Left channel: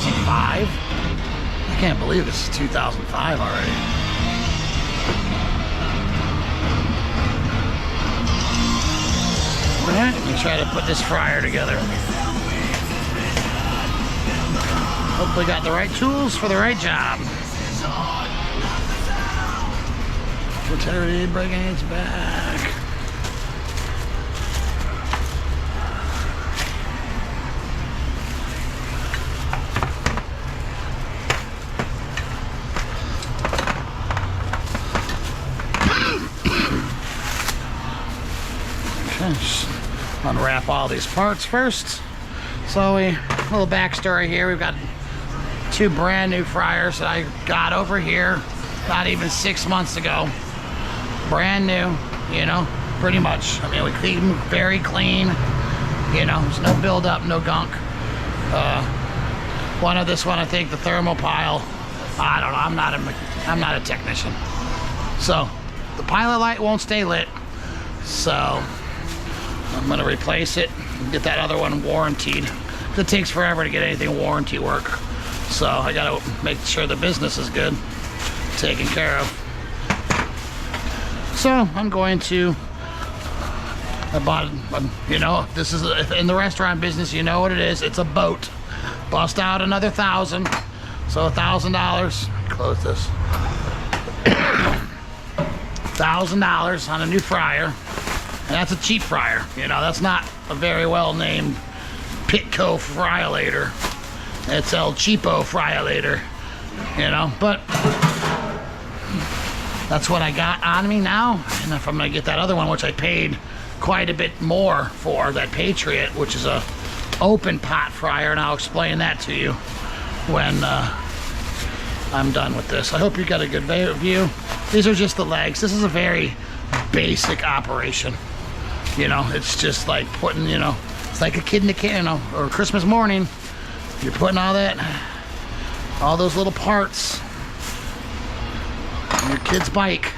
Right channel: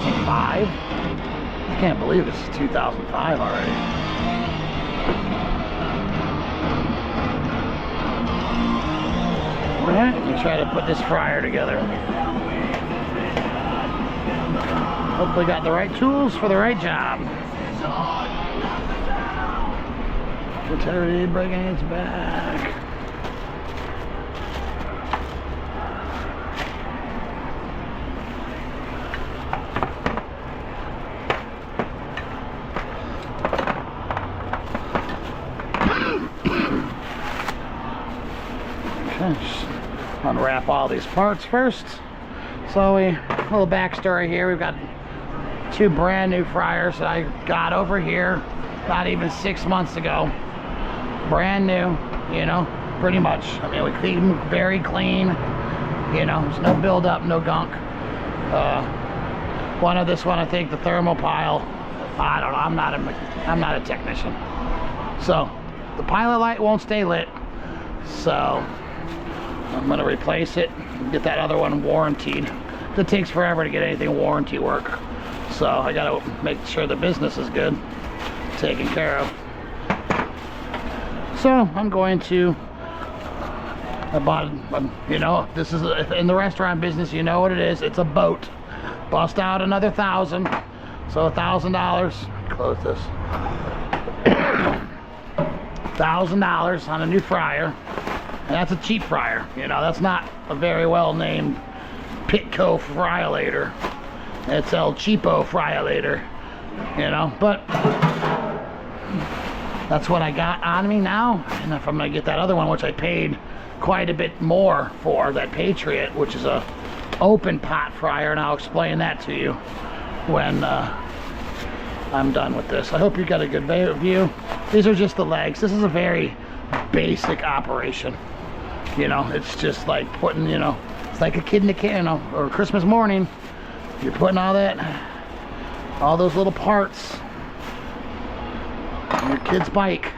2005? I can't believe this is 2005 already. Alright, let me try to put this fryer together. Hopefully got the right tools for the right job. Rotary breaking its back. Okay, just unwrap all these parts first. So a little backstory here. We've got 2 brand new fryers that I got over here not even 6 months ago. Brand new, you know, pretty much. I mean, we clean them very clean. You know, there's no buildup, no gunk. One of this one, I think the thermal pile. I don't know. I'm not a technician. So the pilot light won't stay lit. So I'm gonna replace it and get that other one warrantied. It takes forever to get anything warranty work. So I gotta make sure the business is good, taken care of. So I'm going to, I bought, you know, this is, in the restaurant business, you know what it is. It's a boat. Bust out another $1,000. So $1,000, close this. $1,000 on a new fryer. And that's a cheap fryer. You know, that's not a very well named Pt1 Fryolator. It's El Cheapo Fryolator, you know, but that's what I got on me now. And if I'm gonna get that other one, which I paid quite a bit more for, that Patriot, which is a open pot fryer, and I'll explain that to you when I'm done with this. I hope you got a good view. These are just the legs. This is a very basic operation. You know, it's just like putting, you know, it's like a kid in the can, you know, or Christmas morning. You're putting all that, all those little parts on your kid's bike.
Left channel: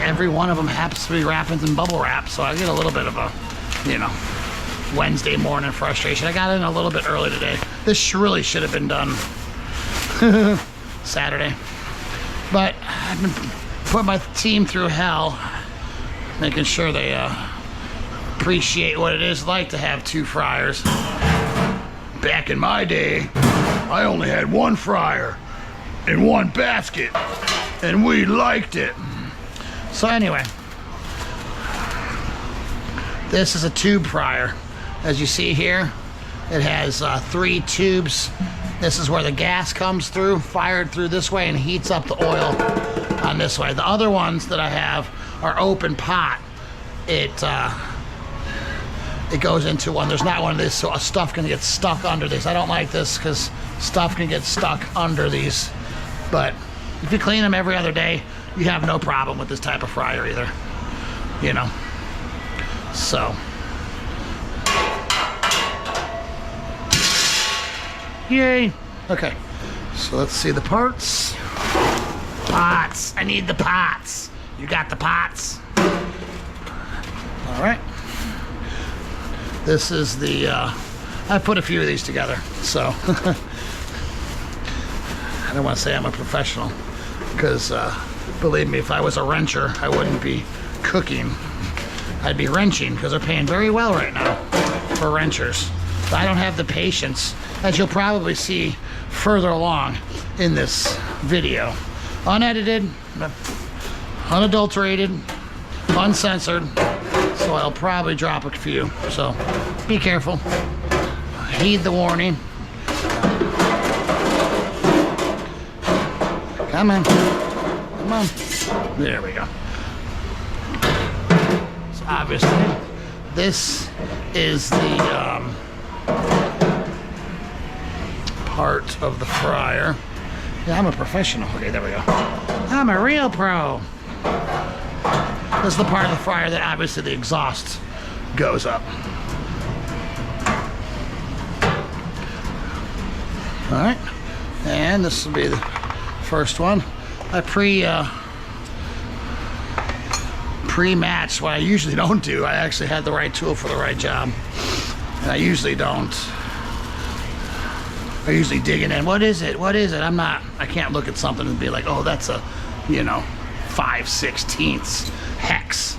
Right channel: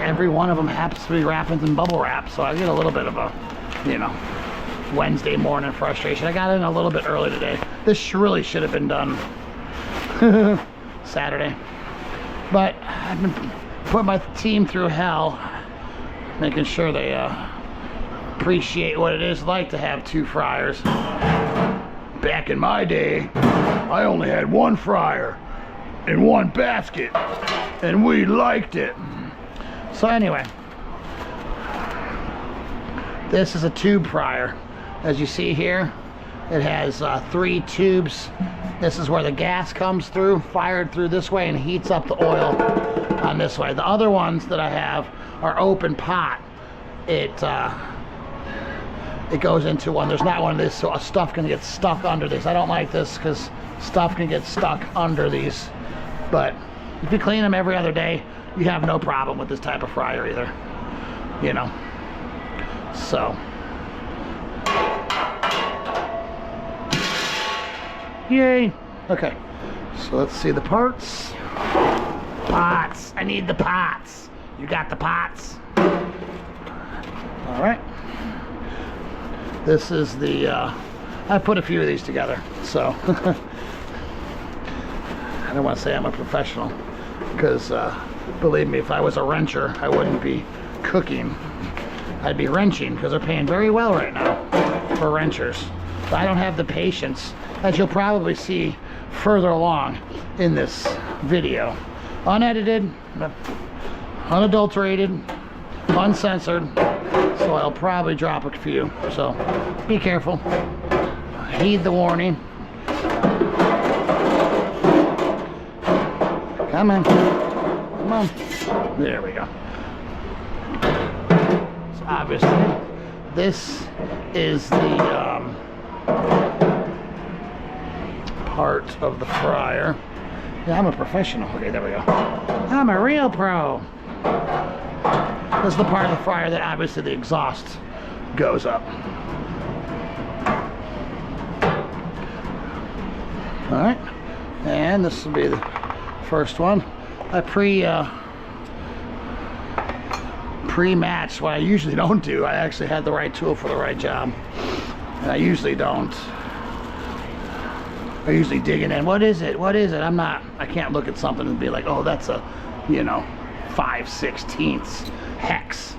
Every one of them happens to be wrapped in bubble wrap, so I get a little bit of a, you know, Wednesday morning frustration. I got in a little bit early today. This really should have been done Saturday, but I've been putting my team through hell, making sure they appreciate what it is like to have 2 fryers. Back in my day, I only had 1 fryer and 1 basket, and we liked it. So anyway, this is a tube fryer. As you see here, it has 3 tubes. This is where the gas comes through, fired through this way, and heats up the oil on this way. The other ones that I have are open pot. It goes into one. There's not one of this, so stuff can get stuck under this. I don't like this because stuff can get stuck under these. But if you clean them every other day, you have no problem with this type of fryer either. You know. So. Yay. Okay. So let's see the parts. Pots. I need the pots. You got the pots? All right. This is the, I put a few of these together, so I don't want to say I'm a professional, because believe me, if I was a wrencher, I wouldn't be cooking. I'd be wrenching, because they're paying very well right now for wrenchers. But I don't have the patience, as you'll probably see further along in this video. Unedited, unadulterated, uncensored. So I'll probably drop a few, so be careful. Heed the warning. Come on. Come on. There we go. So obviously, this is the part of the fryer. Yeah, I'm a professional. Okay, there we go. I'm a real pro. This is the part of the fryer that obviously the exhaust goes up. All right, and this will be the first one. I pre-matched what I usually don't do. I actually had the right tool for the right job, and I usually don't are usually digging in. What is it? What is it? I can't look at something and be like, oh, that's a, you know, 5/16 hex.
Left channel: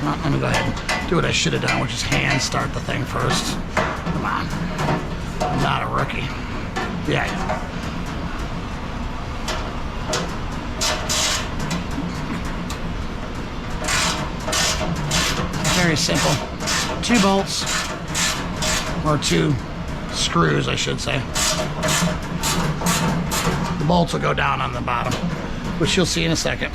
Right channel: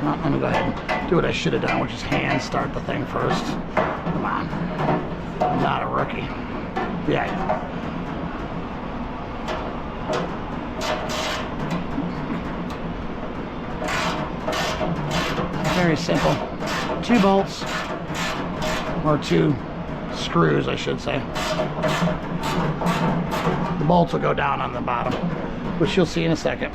Well, let me go ahead and do what I should have done, which is hand start the thing first. Come on. I'm not a rookie. Yeah. Very simple. 2 bolts, or 2 screws, I should say. The bolts will go down on the bottom, which you'll see in a second.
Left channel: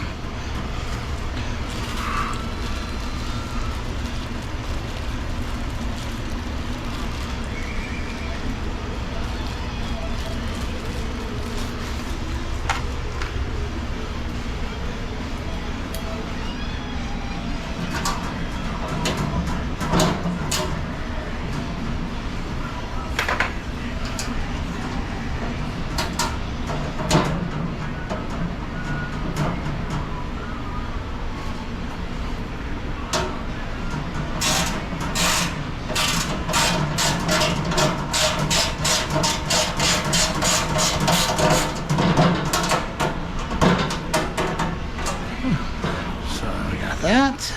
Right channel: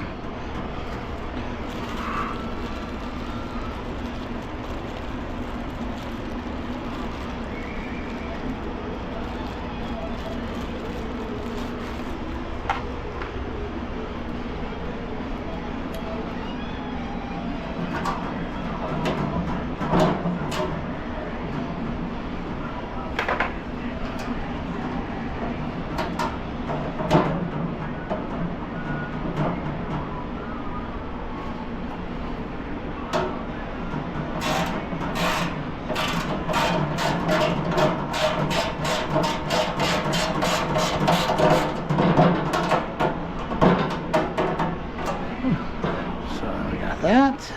That.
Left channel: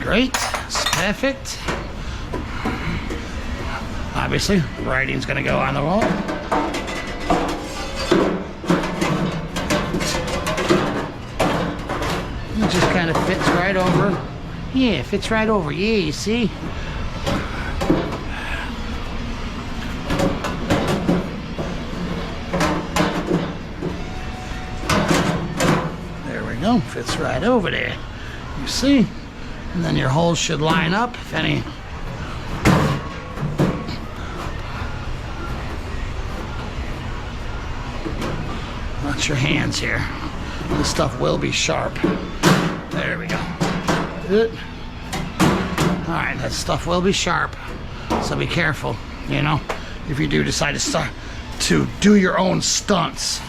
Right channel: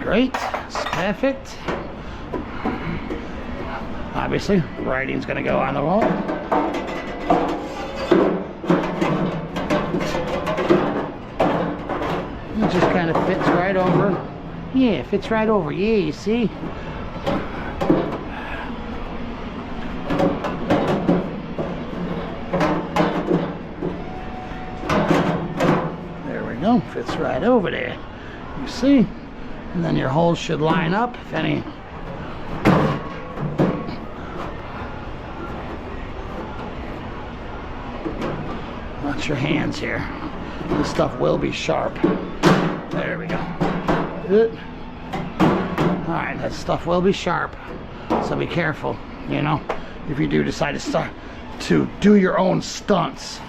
Great. It's perfect. Obviously, writing's going to go on the wall. It just kind of fits right over. Yeah, it fits right over. Yeah, you see? There we go. Fits right over there. You see? And then your holes should line up, if any. Watch your hands here. This stuff will be sharp. There we go. Good. All right, that stuff will be sharp, so be careful, you know, if you do decide to start to do your own stunts.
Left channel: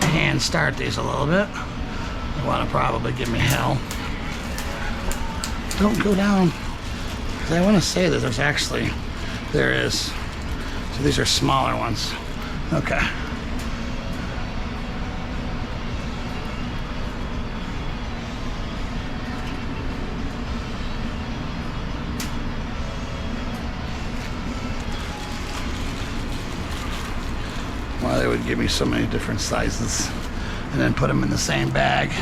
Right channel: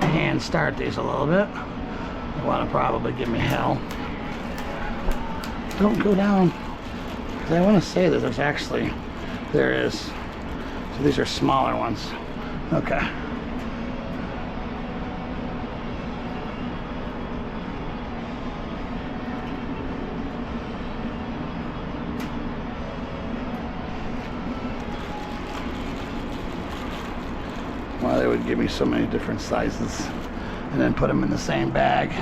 Hand start these a little bit. You want to probably give me hell. Don't go down. Because I want to say that there is. So these are smaller ones. Okay. Why they would give me so many different sizes and then put them in the same bag.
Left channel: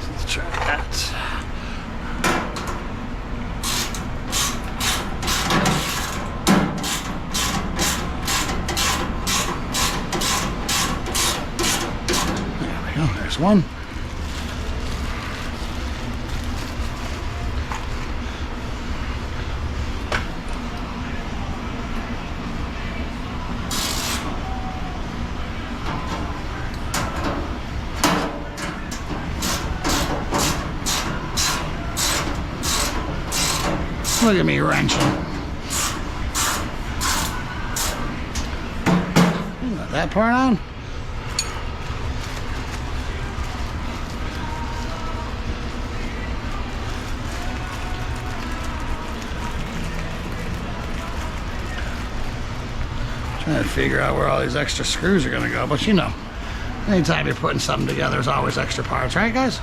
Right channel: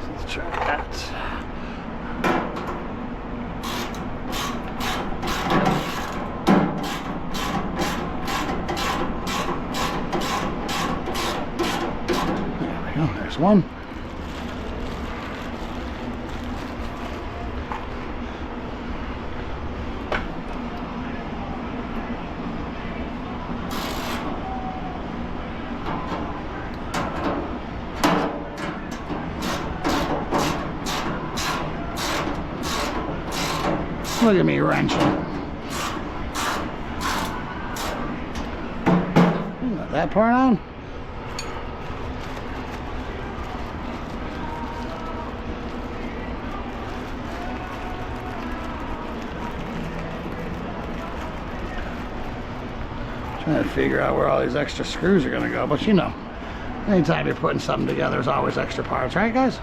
So let's try that. There we go, there's one. Look at me wrenching. Got that part on. Trying to figure out where all these extra screws are going to go, but you know, anytime you're putting something together, there's always extra parts, right, guys?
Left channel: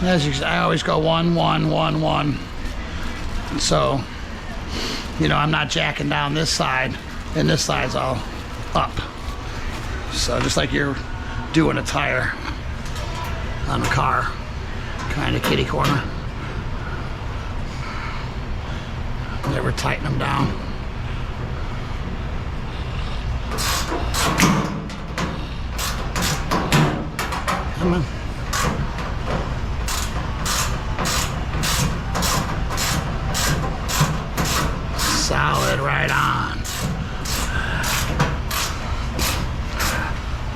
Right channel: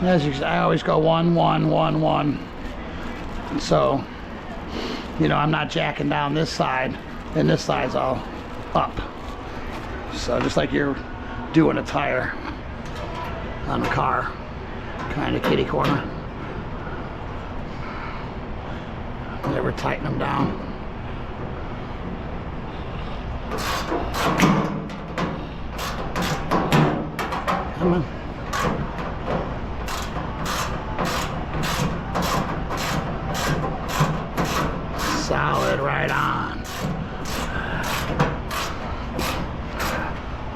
And as you can see, I always go 1, 1, 1, 1. So, you know, I'm not jacking down this side, and this side's all up. So just like you're doing a tire on a car, kind of kitty corner. Never tighten them down. Come on. Solid right on.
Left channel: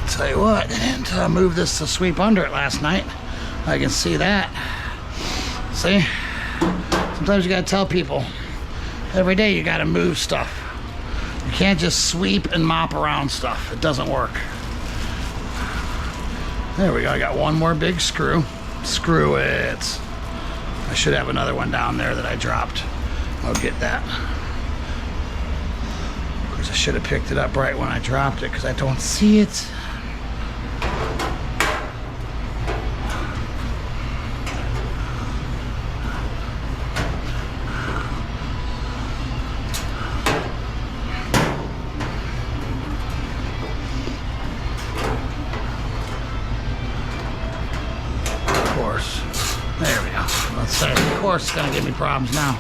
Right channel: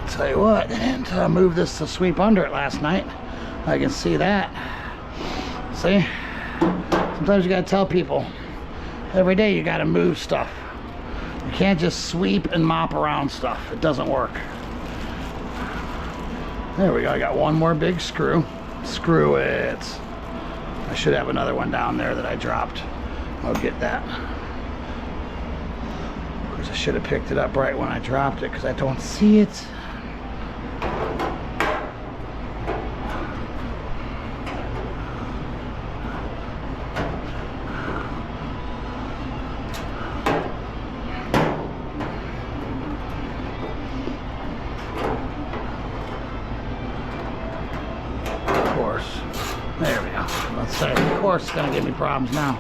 Tell you what, and move this to sweep under it last night. I can see that. See? Sometimes you gotta tell people every day you gotta move stuff. You can't just sweep and mop around stuff. It doesn't work. There we go. I got one more big screw. Screw it. I should have another one down there that I dropped. I'll get that. Of course, I should have picked it up right when I dropped it because I don't see it. There we go. Let's say, of course, it's gonna give me problems now.